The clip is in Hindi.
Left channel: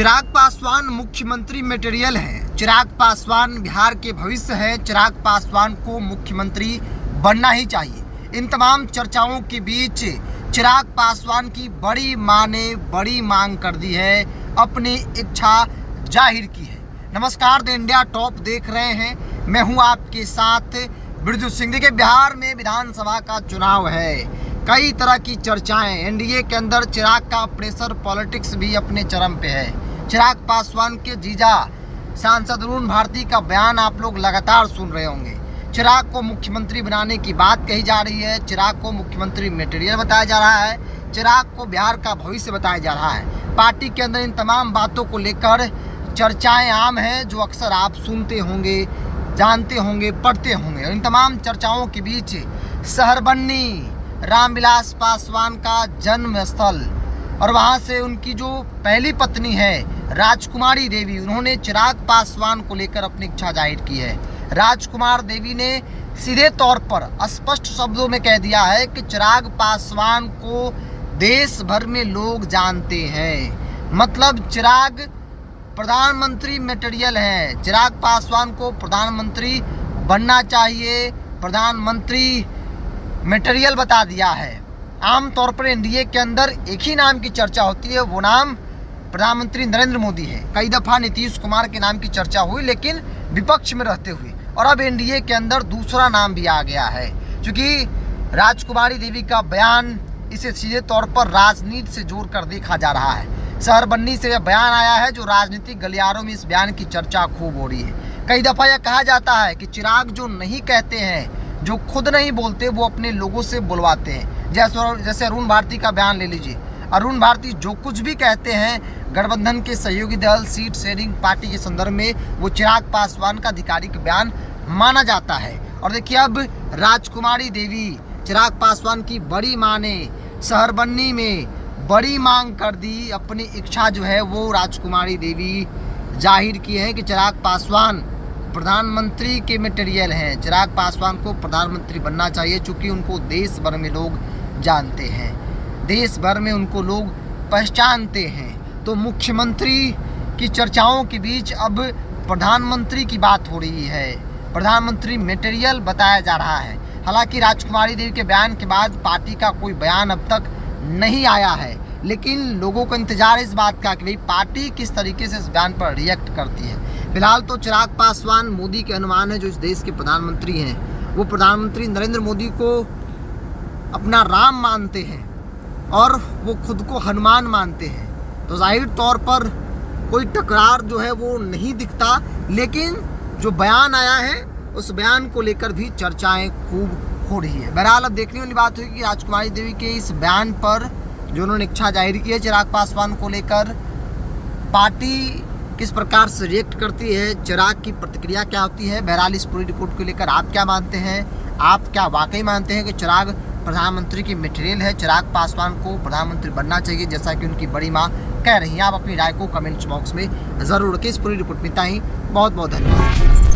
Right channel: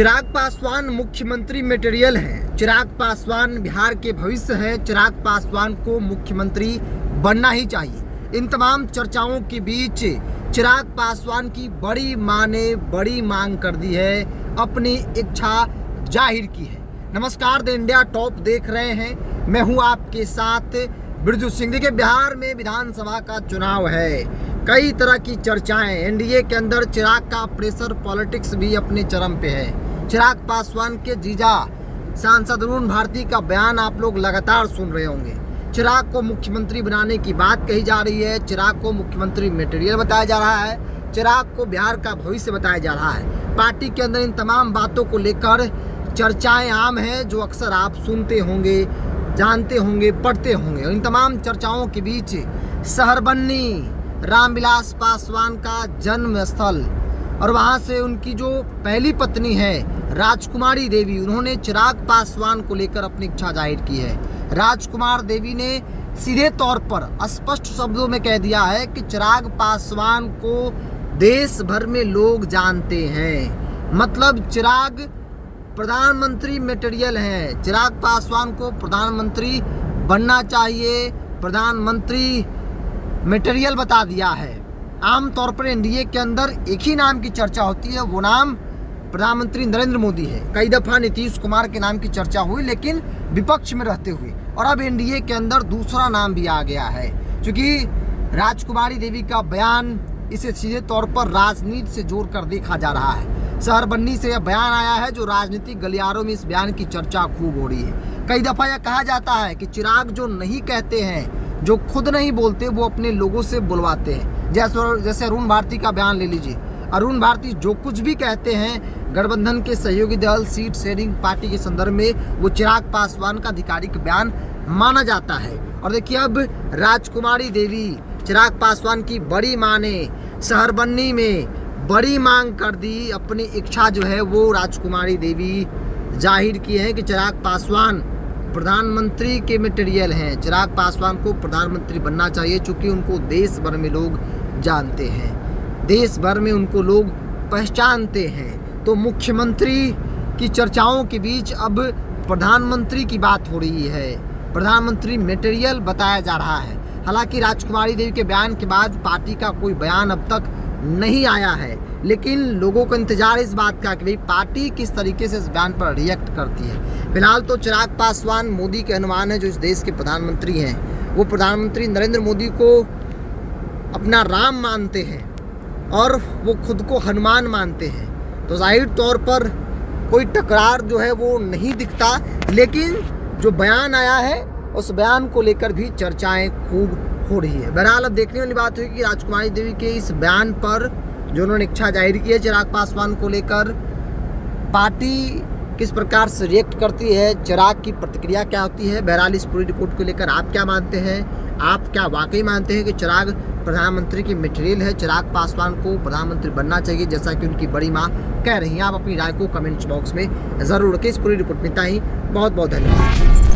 चिराग पासवान मुख्यमंत्री मटेरियल हैं। चिराग पासवान बिहार के भविष्य है। चिराग पासवान को मुख्यमंत्री बनना ही चाहिए। इन तमाम चर्चाओं के बीच चिराग पासवान की बड़ी मां ने बड़ी मांग कर दी है, अपनी इच्छा जाहिर की है। नमस्कार, द इंडिया टॉप देख रहे हैं, मैं हूं आपके साथ बिरजू सिंह। के बिहार में विधानसभा का चुनाव है, कई तरह की चर्चाएं, एनडीए के अंदर चिराग का प्रेशर पॉलिटिक्स भी अपने चरम पे है। चिराग पासवान के जीजा सांसद अरुण भारती का बयान आप लोग लगातार सुन रहे होंगे। चिराग को मुख्यमंत्री बनाने की बात कही जा रही है, चिराग को मुख्यमंत्री मटेरियल बताया जा रहा है, चिराग को बिहार का भविष्य बताया जा रहा है। पार्टी के अंदर इन तमाम बातों को लेकर चर्चाएं आम हैं, जो अक्सर आप सुनते होंगे, जानते होंगे, पढ़ते होंगे। इन तमाम चर्चाओं के बीच सहरबन्नी रामविलास पासवान का जन्म स्थल और वहां से उनकी जो पहली पत्नी है राजकुमारी देवी, उन्होंने चिराग पासवान को लेकर अपनी इच्छा जाहिर की है। राजकुमार देवी ने सीधे तौर पर स्पष्ट शब्दों में कह दिया है कि चिराग पासवान को देश भर में लोग जानते हैं। मतलब चिराग प्रधानमंत्री मटेरियल हैं। चिराग पासवान को प्रधानमंत्री बनना चाहिए, प्रधानमंत्री मटेरियल बता दिया है। आमतौर पर एनडीए के अंदर एक ही नाम की चर्चा होती है, वो नाम प्रधानमंत्री नरेंद्र मोदी है। कई दफा नीतीश कुमार के नाम की चर्चा हुई, लेकिन विपक्ष में रहते हुए, और अब एनडीए के अंदर दूसरा नाम भी आ गया है। क्योंकि राजकुमारी देवी का बयान इसे सीधे तौर पर राजनीति से जोड़कर देखा जा रहा है। सहरबन्नी से यह बयान आया है, जो राजनीतिक गलियारों में इस बयान की चर्चा खूब हो रही है। कई दफा यह कहा जाता है कि चिराग जो नहीं कहते हैं, जो खुद नहीं बोलते, वो अपने लोगों से बुलवाते हैं। जैसे अरुण भारती का बयान ले लीजिए। अरुण भारती जो कुछ भी कहते हैं गठबंधन के सहयोगी दल सीट शेयरिंग पार्टी के संदर्भ में, वो चिराग पासवान का आधिकारिक बयान माना जाता है। और देखिए, अब राजकुमारी देवी, चिराग पासवान की बड़ी मां ने सहरबन्नी में बड़ी मांग कर दी। अपनी इच्छा जो है वो राजकुमारी देवी जाहिर की है कि चिराग पासवान प्रधानमंत्री के मटेरियल हैं। चिराग पासवान को प्रधानमंत्री बनना चाहिए, चूँकि उनको देश भर में लोग जानते हैं, देश भर में उनको लोग पहचानते हैं। तो मुख्यमंत्री की चर्चाओं के बीच अब प्रधानमंत्री की बात हो रही है, प्रधानमंत्री मटेरियल बताया जा रहा है। हालांकि राजकुमारी देवी के बयान के बाद पार्टी का कोई बयान अब तक नहीं आया है, लेकिन लोगों को इंतजार है इस बात का कि भाई पार्टी किस तरीके से इस बयान पर रिएक्ट करती है। फिलहाल तो चिराग पासवान मोदी के अनुमान है, जो इस देश के प्रधानमंत्री हैं, वो प्रधानमंत्री नरेंद्र मोदी को अपना राम मानते हैं और वो खुद को हनुमान मानते हैं। तो जाहिर तौर पर कोई टकरार जो है वो नहीं दिखता, लेकिन जो बयान आया है उस बयान को लेकर भी चर्चाएं खूब हो रही है। बहरहाल अब देखने वाली बात हुई कि राजकुमारी देवी के इस बयान पर जो उन्होंने इच्छा जाहिर की है चिराग पासवान को लेकर, पार्टी किस प्रकार से रिएक्ट करती है, चिराग की प्रतिक्रिया क्या होती है। बहरहाल इस पूरी रिपोर्ट को लेकर आप क्या मानते हैं? आप क्या वाकई मानते हैं कि चिराग प्रधानमंत्री की मटेरियल है, चिराग पासवान को प्रधानमंत्री बनना चाहिए जैसा कि उनकी बड़ी मां कह रही हैं? आप अपनी राय को कमेंट्स बॉक्स में ज़रूर रखें। इस पूरी रिपोर्ट में इतना ही। बहुत बहुत धन्यवाद।